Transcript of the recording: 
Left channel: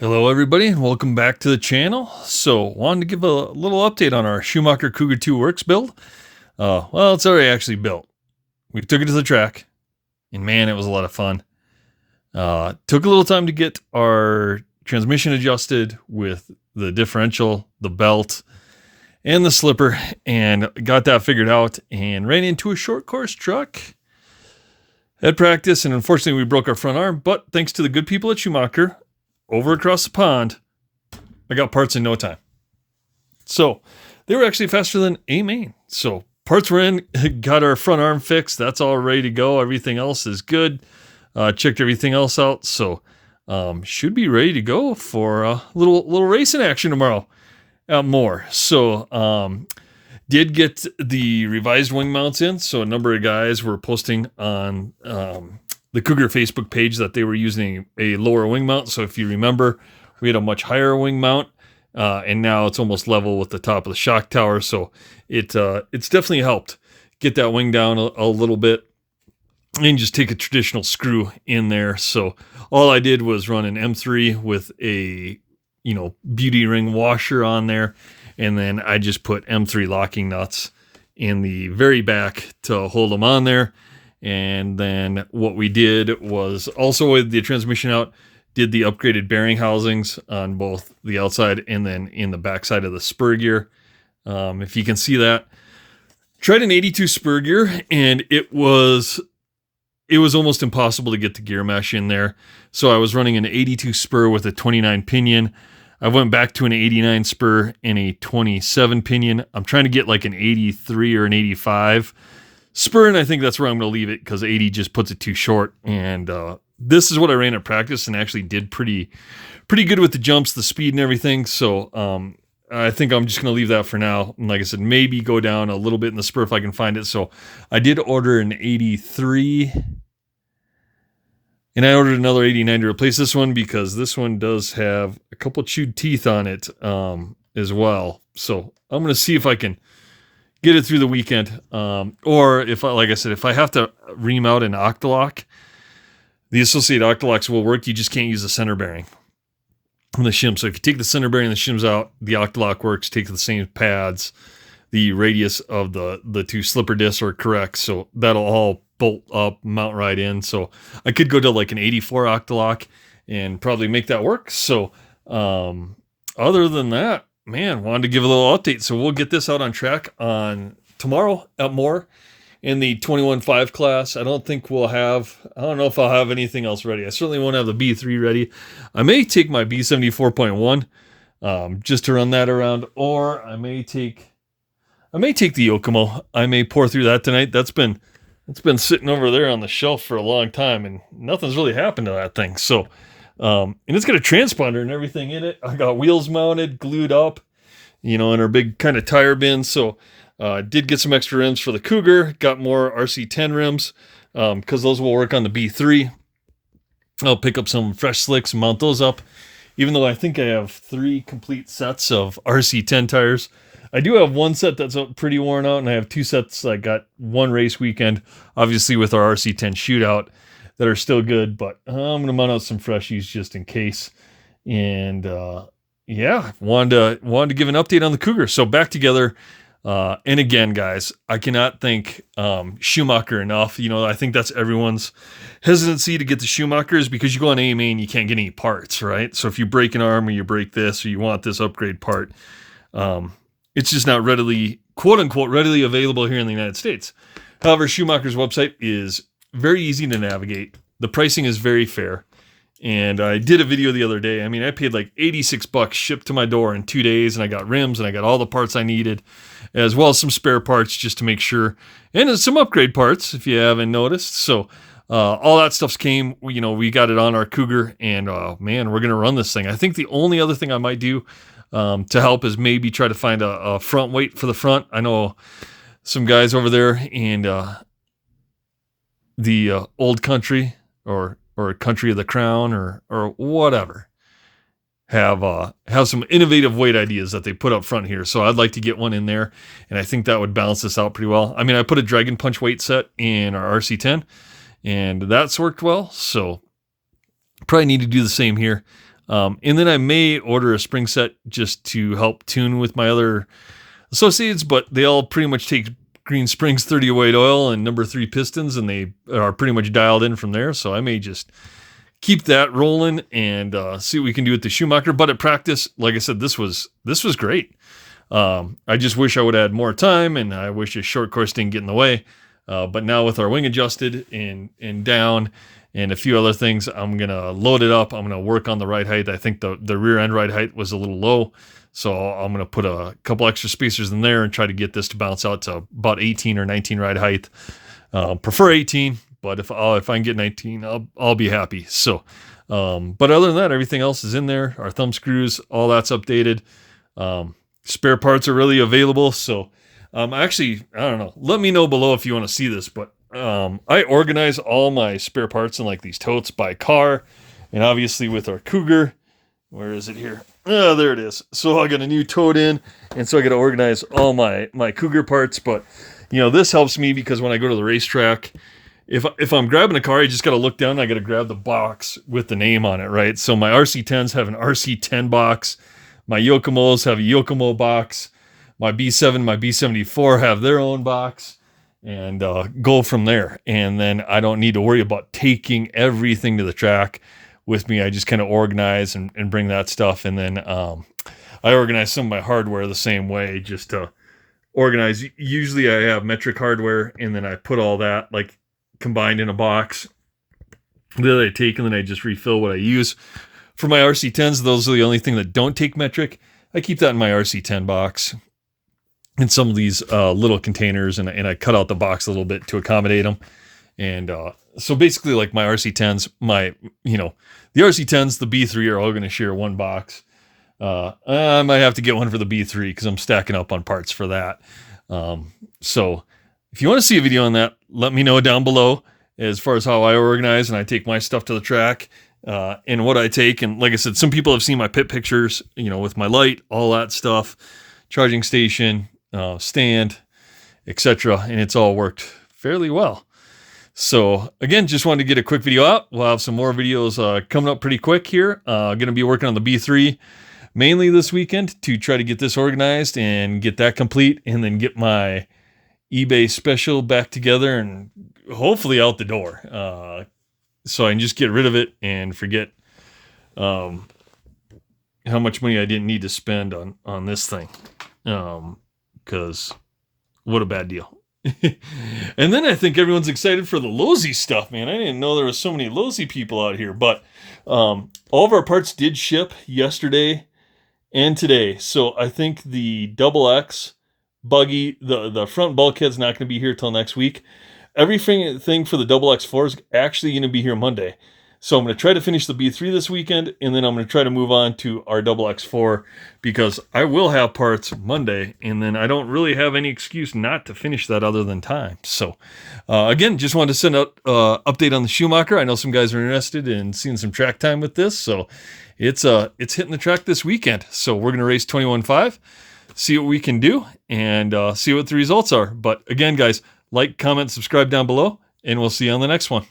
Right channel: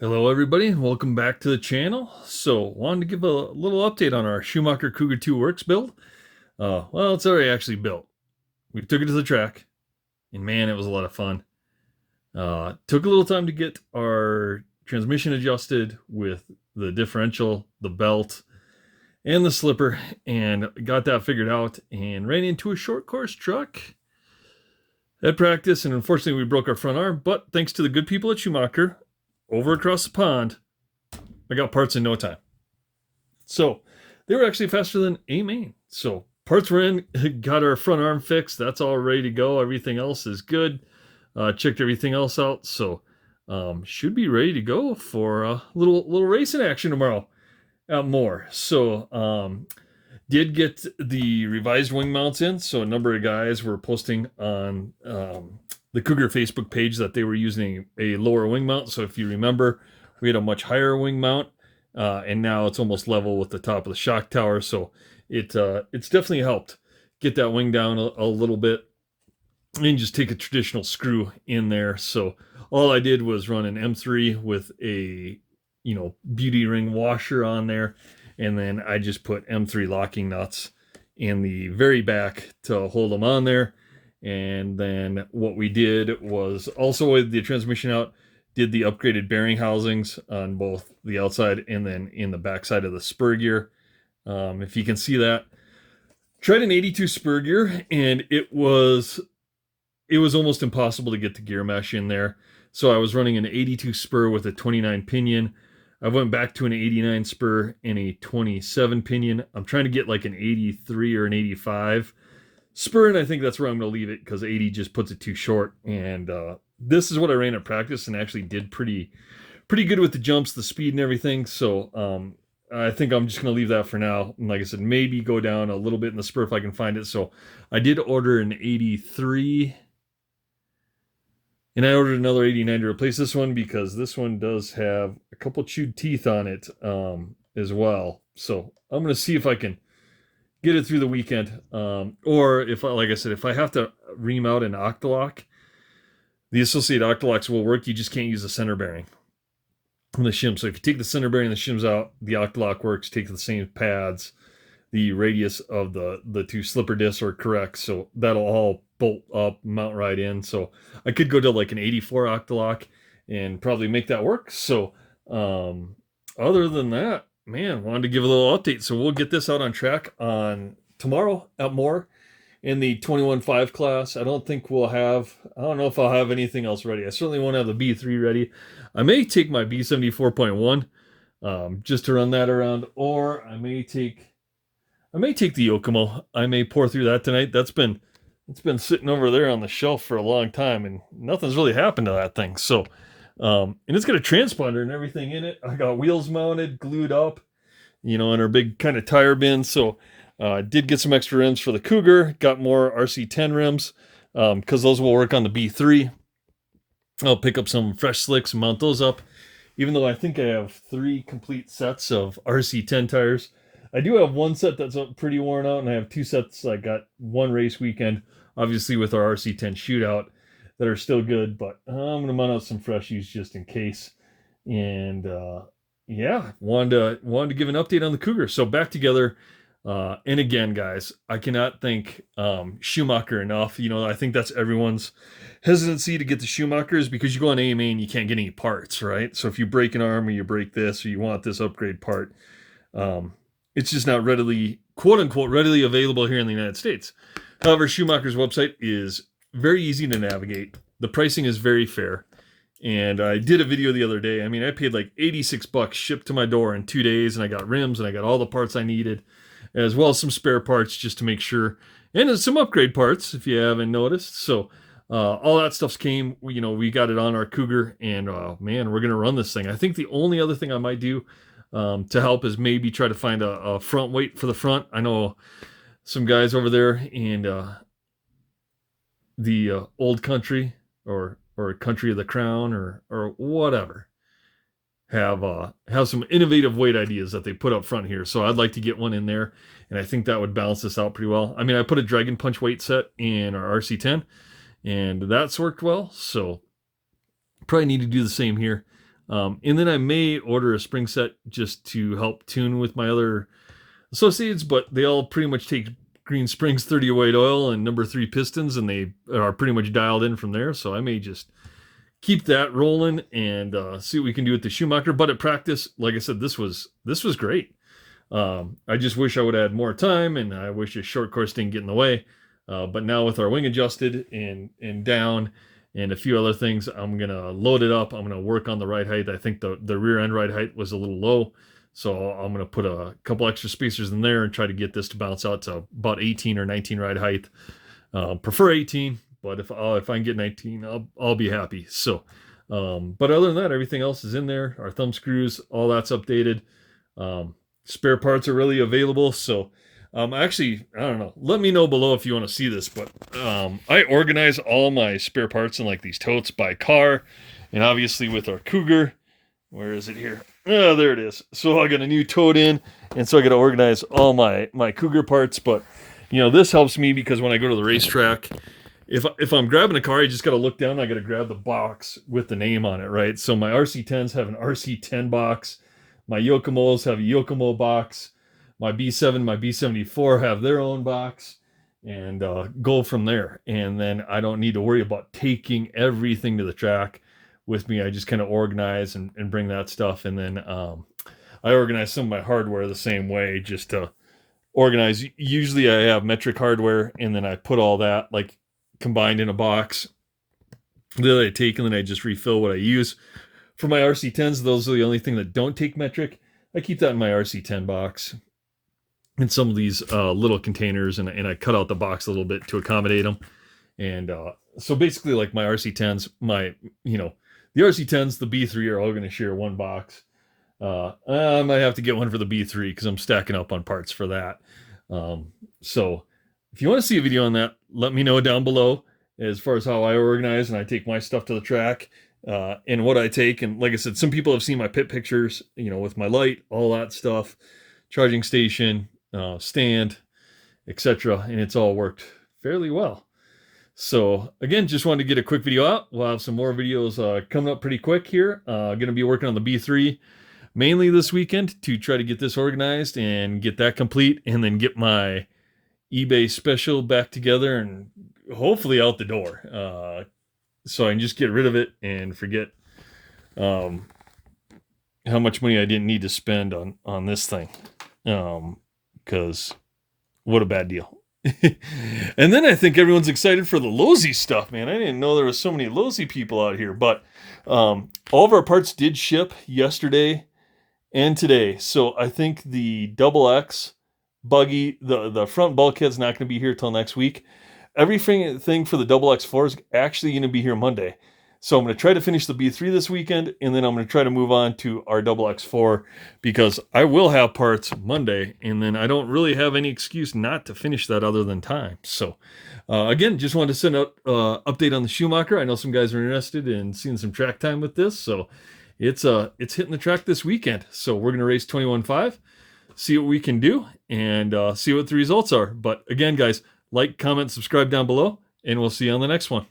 Hello everybody and welcome back to the channel. So wanted to give a little update on our Schumacher Cougar 2 Works build. Well, it's already actually built. We took it to the track and man, it was a lot of fun. Took a little time to get our transmission adjusted with the differential, the belt, and the slipper, and got that figured out and ran into a short course truck at practice, and unfortunately we broke our front arm, but thanks to the good people at Schumacher over across the pond, I got parts in no time. So they were actually faster than a main. So parts were in, got our front arm fixed. That's all ready to go. Everything else is good. Checked everything else out. So should be ready to go for a little racing action tomorrow at MHOR. So did get the revised wing mounts in. So a number of guys were posting on the Cougar Facebook page that they were using a lower wing mount. So if you remember, we had a much higher wing mount, and now it's almost level with the top of the shock tower. So it's definitely helped get that wing down a little bit, and just take a traditional screw in there. So all I did was run an M3 with a beauty ring washer on there, and then I just put M3 locking nuts in the very back to hold them on there. And then what we did was also with the transmission out, did the upgraded bearing housings on both the outside and then in the backside of the spur gear. If you can see that, tried an 82 spur gear, and it was almost impossible to get the gear mesh in there. So I was running an 82 spur with a 29 pinion. I went back to an 89 spur and a 27 pinion. I'm trying to get like an 83 or an 85 spur, and I think that's where I'm going to leave it because 80 just puts it too short. And this is what I ran at practice and actually did pretty good with the jumps, the speed, and everything. So I think I'm just going to leave that for now. And like I said, maybe go down a little bit in the spur if I can find it. So I did order an 83, and I ordered another 89 to replace this one because this one does have a couple chewed teeth on it as well. So I'm going to see if I can get it through the weekend. Or if, like I said, if I have to ream out an octalock, the associated octalocks will work. You just can't use the center bearing from the shim. So if you take the center bearing and the shims out, the octalock works. Take the same pads. The radius of the two slipper discs are correct. So that'll all bolt up, mount right in. So I could go to like an 84 octalock and probably make that work. So other than that, man, wanted to give a little update. So we'll get this out on track on tomorrow at MHOR in the 21.5 class. I don't know if I'll have anything else ready. I certainly won't have the B3 ready. I may take my B74.1 just to run that around, or I may take the Yokomo. I may pour through that tonight. It's been sitting over there on the shelf for a long time, and nothing's really happened to that thing. So and it's got a transponder and everything in it. I got wheels mounted, glued up, in our big kind of tire bin. So did get some extra rims for the Cougar. Got more RC10 rims because those will work on the B3. I'll pick up some fresh slicks and mount those up, even though I think I have 3 complete sets of RC10 tires. I do have one set that's pretty worn out, and I have 2 sets. I got one race weekend, obviously with our RC10 shootout, that are still good, but I'm going to mount out some freshies just in case. And yeah, wanted to give an update on the Cougar. So back together. And again, guys, I cannot thank Schumacher enough. I think that's everyone's hesitancy to get the Schumachers, because you go on AMA and you can't get any parts, right? So if you break an arm or you break this or you want this upgrade part, it's just not readily, quote unquote, readily available here in the United States. However, Schumacher's website is very easy to navigate. The pricing is very fair. And I did a video the other day. I mean, I paid like $86 shipped to my door in 2 days, and I got rims and I got all the parts I needed, as well as some spare parts just to make sure, and some upgrade parts if you haven't noticed. So all that stuff came, we got it on our Cougar, and man, we're going to run this thing. I think the only other thing I might do to help is maybe try to find a front weight for the front. I know some guys over there in the old country or country of the crown or whatever have some innovative weight ideas that they put up front here. So I'd like to get one in there, and I think that would balance this out pretty well. I mean, I put a Dragon Punch weight set in our RC10, and that's worked well. So probably need to do the same here. And then I may order a spring set just to help tune with my other associates, but they all pretty much take Green Springs 30 weight oil and number 3 pistons, and they are pretty much dialed in from there. So I may just keep that rolling and see what we can do with the Schumacher. But at practice, like I said, this was great. I just wish I would add more time, and I wish a short course didn't get in the way. But now with our wing adjusted and down and a few other things, I'm going to load it up. I'm going to work on the ride height. I think the rear end ride height was a little low. So I'm going to put a couple extra spacers in there and try to get this to bounce out to about 18 or 19 ride height. Prefer 18, but if I can get 19, I'll be happy. So, but other than that, everything else is in there. Our thumb screws, all that's updated. Spare parts are really available. So, actually, I don't know. Let me know below if you want to see this, but I organize all my spare parts in like these totes by car, and obviously with our Cougar. Where is it here? Oh, there it is. So I got a new tote in, and so I got to organize all my Cougar parts. But, you know, this helps me because when I go to the racetrack, if I'm grabbing a car, I just got to look down and I got to grab the box with the name on it, right? So my RC10s have an RC10 box. My Yokomos have a Yokomo box. My B7, my B74 have their own box, and go from there. And then I don't need to worry about taking everything to the track with me. I just kind of organize and bring that stuff. And then I organize some of my hardware the same way, just to organize. Usually I have metric hardware, and then I put all that like combined in a box that I take, and then I just refill what I use. For my RC10s, those are the only thing that don't take metric. I keep that in my RC10 box in some of these little containers, and I cut out the box a little bit to accommodate them. And so basically, like my RC10s, the RC10s, the B3 are all going to share one box. I might have to get one for the B3 because I'm stacking up on parts for that. So if you want to see a video on that, let me know down below as far as how I organize and I take my stuff to the track and what I take. And like I said, some people have seen my pit pictures, with my light, all that stuff, charging station, stand, etc. And it's all worked fairly well. So again, just wanted to get a quick video out. We'll have some more videos coming up pretty quick here. Going to be working on the B3 mainly this weekend to try to get this organized and get that complete, and then get my eBay special back together and hopefully out the door. So I can just get rid of it and forget how much money I didn't need to spend on this thing. Because what a bad deal. And then I think everyone's excited for the Lowe's stuff, man. I didn't know there was so many Lowe's people out here, but all of our parts did ship yesterday and today. So I think the double X buggy, the front bulkhead's not going to be here till next week. Everything for the double X4 is actually going to be here Monday. So I'm going to try to finish the B3 this weekend, and then I'm going to try to move on to our double X4 because I will have parts Monday, and then I don't really have any excuse not to finish that other than time. So again, just wanted to send out update on the Schumacher. I know some guys are interested in seeing some track time with this, so it's hitting the track this weekend. So we're going to race 21.5, see what we can do, and see what the results are. But again, guys, like, comment, subscribe down below, and we'll see you on the next one.